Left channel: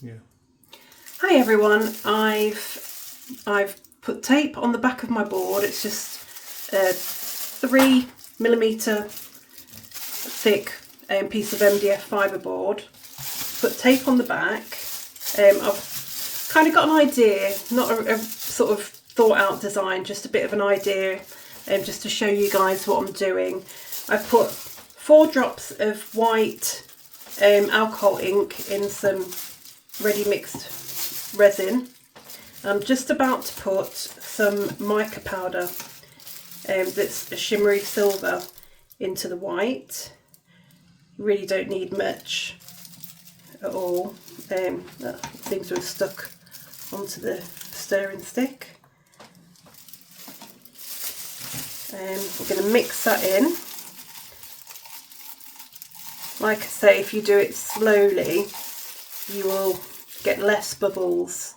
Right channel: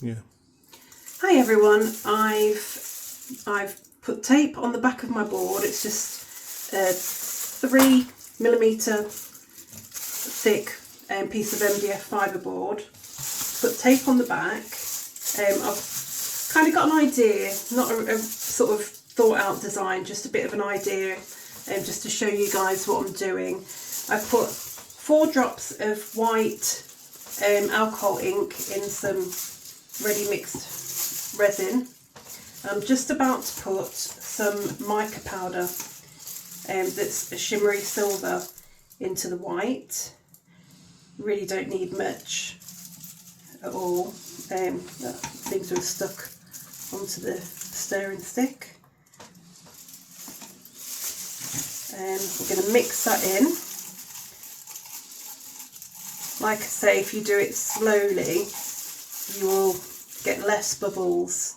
Yeah. Hi everyone, I've put tape on the back of my board. It's just a 3mm thick piece of MDF fibre board. Put tape on the back. I've kind of got an idea, not a sort of thought out design, just a bit of an idea, just to show you guys what I'm doing. I've put 4 drops of white alcohol ink in some ready mixed resin. I'm just about to put some mica powder that's a shimmery silver into the white. Really don't need much at all. Things are stuck onto the stirring stick. We're going to mix that in. Like I say, if you do it slowly, you will get less bubbles.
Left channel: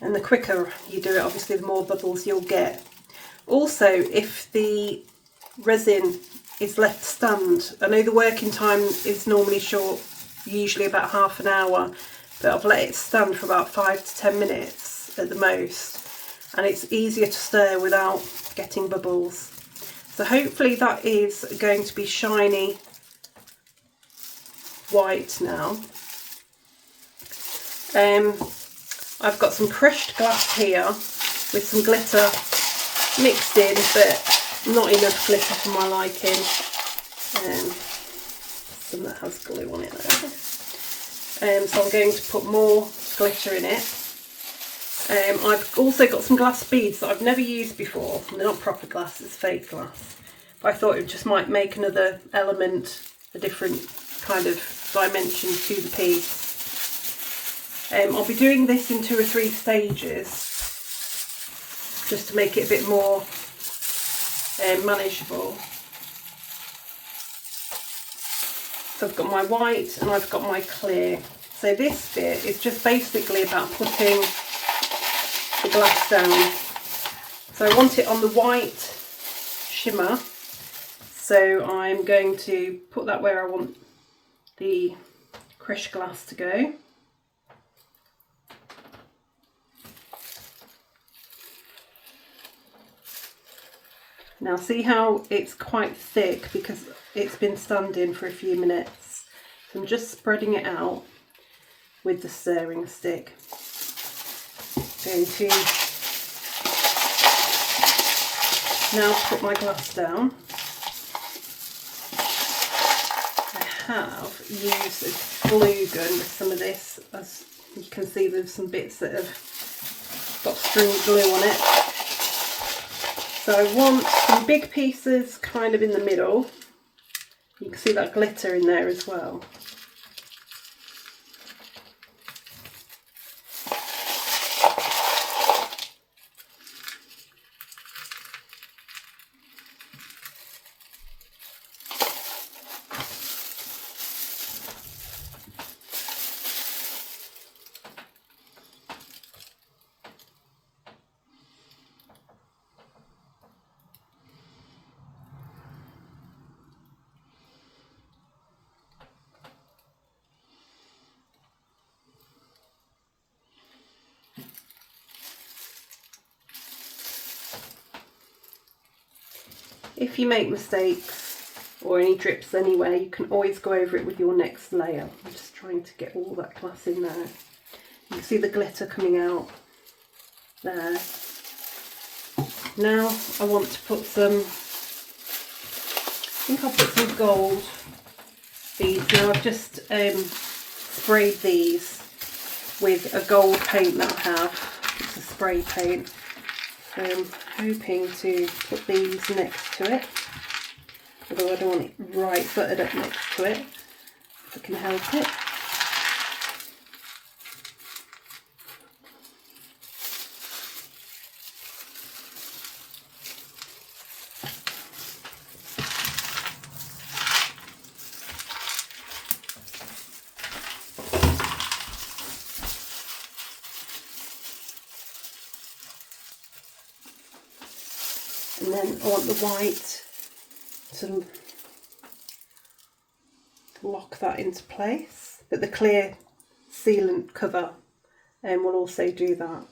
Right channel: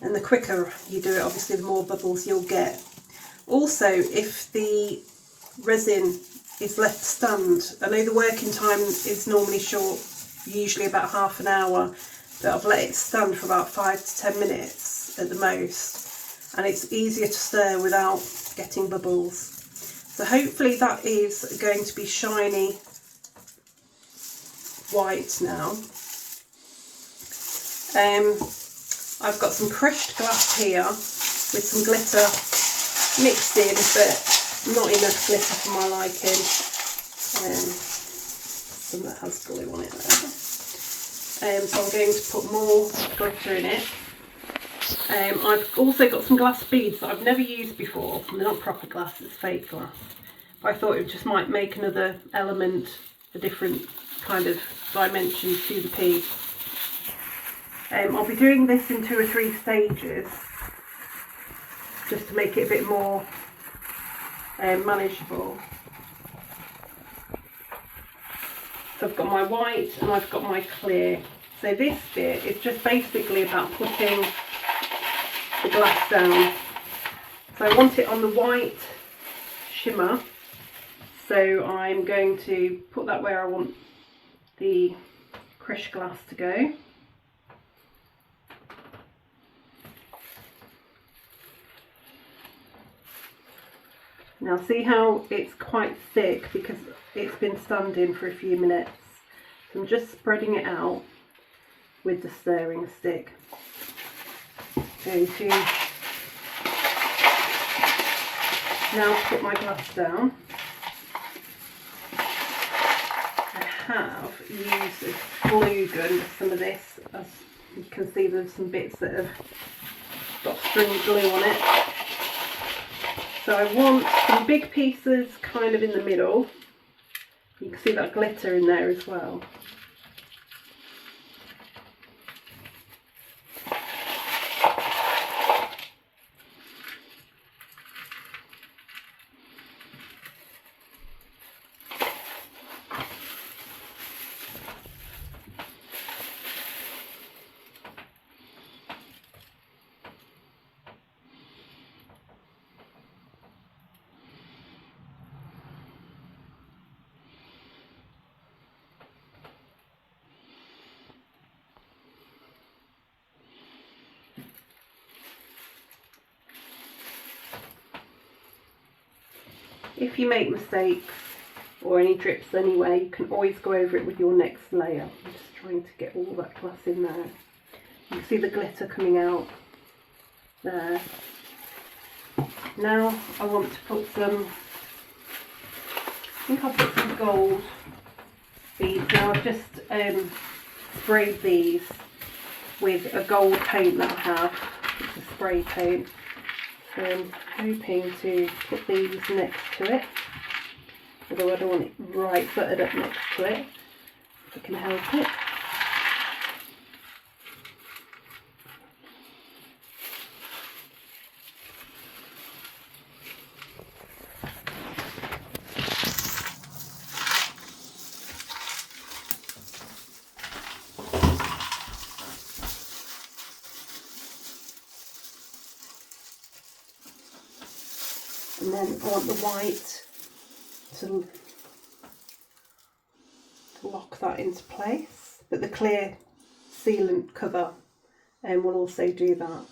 And the quicker you do it, obviously, the more bubbles you'll get. Also, if the resin is left stand, I know the working time is normally short, usually about half an hour, but I've let it stand for about 5 to 10 minutes at the most, and it's easier to stir without getting bubbles. So hopefully that is going to be shiny white now. I've got some crushed glass here with some glitter mixed in, but not enough glitter for my liking. Some that has glue on it there. So I'm going to put more glitter in it. I've also got some glass beads that I've never used before. They're not proper glass, it's fake glass. But I thought it just might make another element, a different kind of dimension to the piece. I'll be doing this in 2 or 3 stages, just to make it a bit more manageable. So I've got my white and I've got my clear. So this bit is just basically about putting the glass down. So I want it on the white shimmer. So I'm going to put that where I want the crushed glass to go. Now see how it's quite thick because it's been standing for a few minutes. So I'm just spreading it out with the stirring stick. Going to now put my glass down. I have used a glue gun with some of this. As you can see, there's some bits that have got stringy glue on it. So I want some big pieces kind of in the middle. You can see that glitter in there as well. If you make mistakes or any drips anywhere, you can always go over it with your next layer. I'm just trying to get all that glass in there. You can see the glitter coming out there. Now I want to put some, I think I'll put some gold beads. Now I've just sprayed these with a gold paint that I have. It's a spray paint. I'm hoping to put these next to it, although I don't want it right buttered up next to it, if I can help it. And then I want the white to lock that into place, but the clear sealant cover will also do that.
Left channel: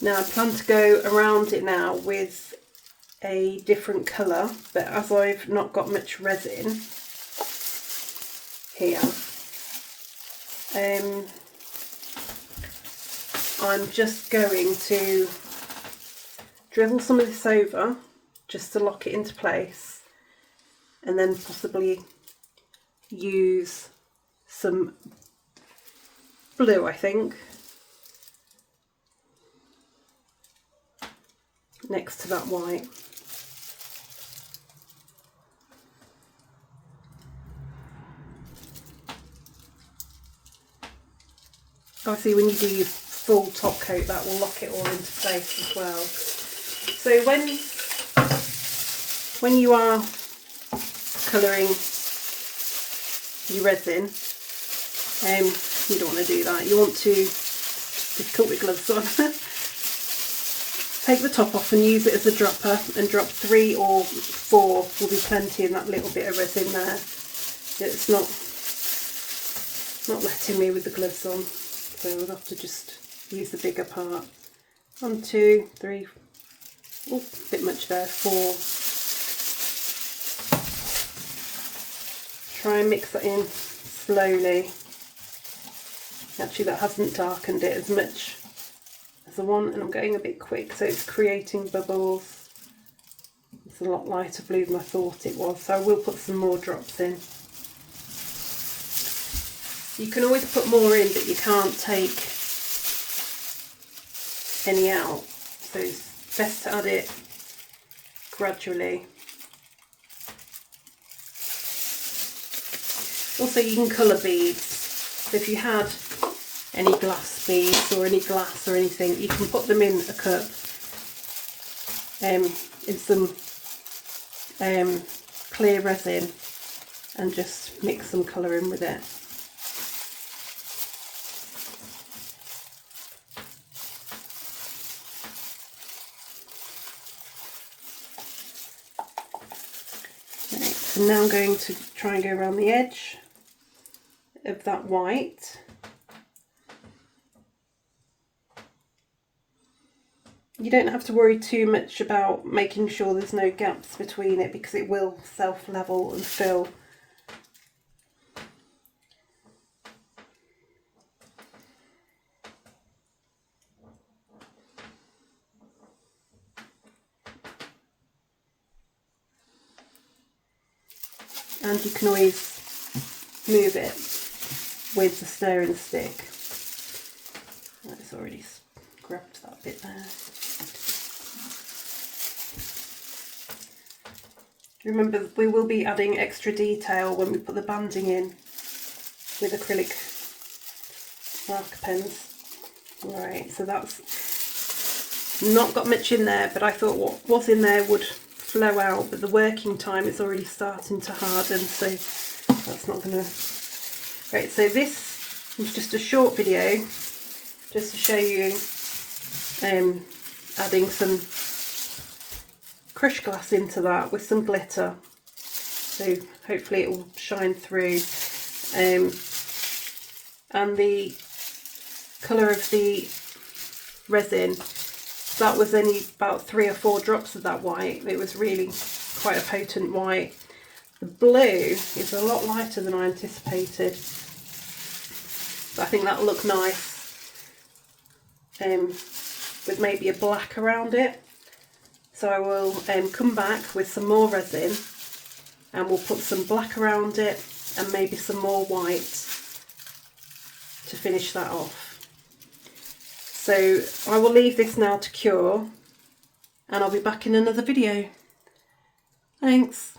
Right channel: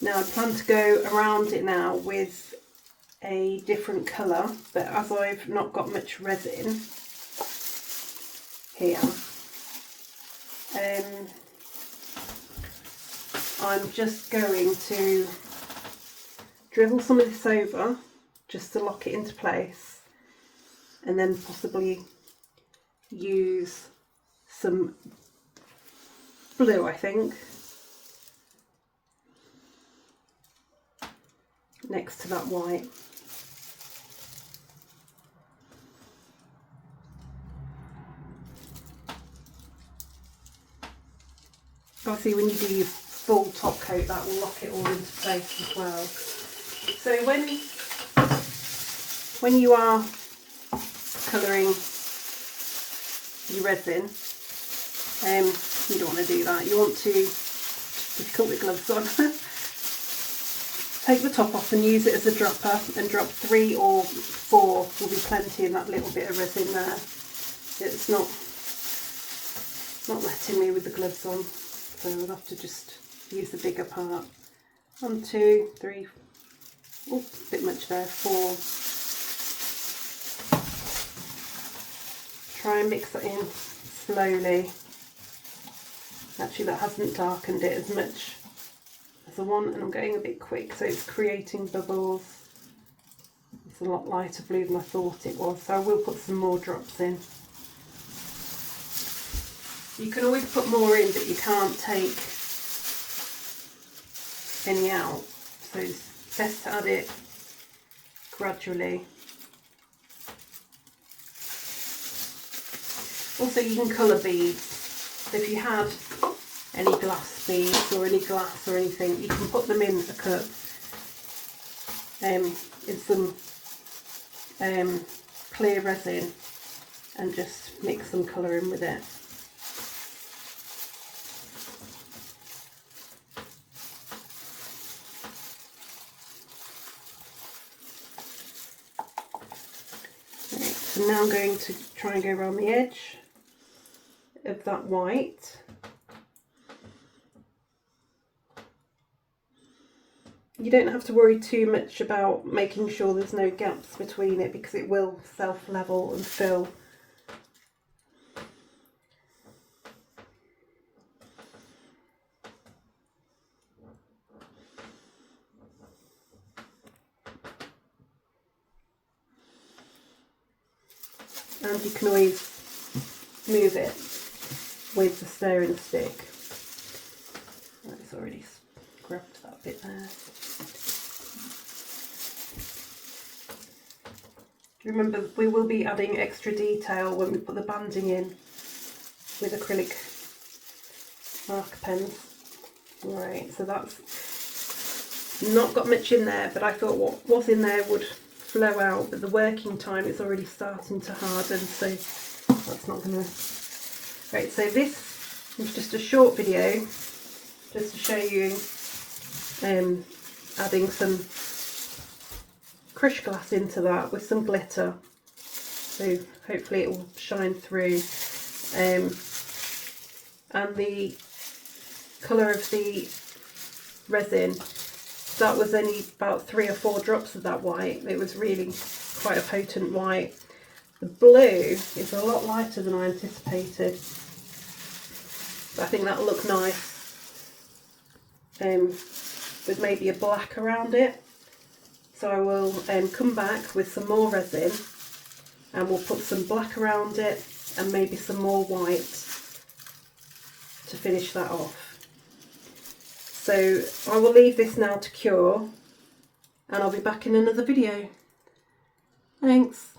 Now I plan to go around it now with a different colour, but as I've not got much resin here, I'm just going to drizzle some of this over just to lock it into place, and then possibly use some blue, I think, next to that white. Obviously when you do your full top coat, that will lock it all into place as well. So when you are colouring your resin, you don't want to do that. You want to, difficult with gloves on, take the top off and use it as a dropper, and drop 3 or 4 will be plenty in that little bit of resin there. It's not letting me with the gloves on, so I'll have to just use the bigger part. 1, 2, 3, oh, a bit much there, 4. Try and mix that in slowly. Actually, that hasn't darkened it as much as the one, and I'm going a bit quick, so it's creating bubbles. It's a lot lighter blue than I thought it was, so I will put some more drops in. You can always put more in, but you can't take any out, so it's best to add it gradually. Also, you can colour beads. So if you had any glass beads or any glass or anything, you can put them in a cup in some clear resin and just mix some colour in with it. Right, so now I'm going to try and go around the edge of that white. You don't have to worry too much about making sure there's no gaps between it, because it will self-level and fill. And you can always move it with the stirring stick. That's already grabbed that bit there. Remember, we will be adding extra detail when we put the banding in with acrylic marker pens. Right, so that's not got much in there, but I thought what was in there would flow out, but the working time is already starting to harden, so that's not going to... Right, so this was just a short video just to show you adding some crushed glass into that with some glitter, so hopefully it will shine through, and the colour of the resin, that was only about 3 or 4 drops of that white. It was really quite a potent white. The blue is a lot lighter than I anticipated, but I think that'll look nice with maybe a black around it. So I will come back with some more resin and we'll put some black around it and maybe some more white to finish that off. So I will leave this now to cure and I'll be back in another video. Thanks.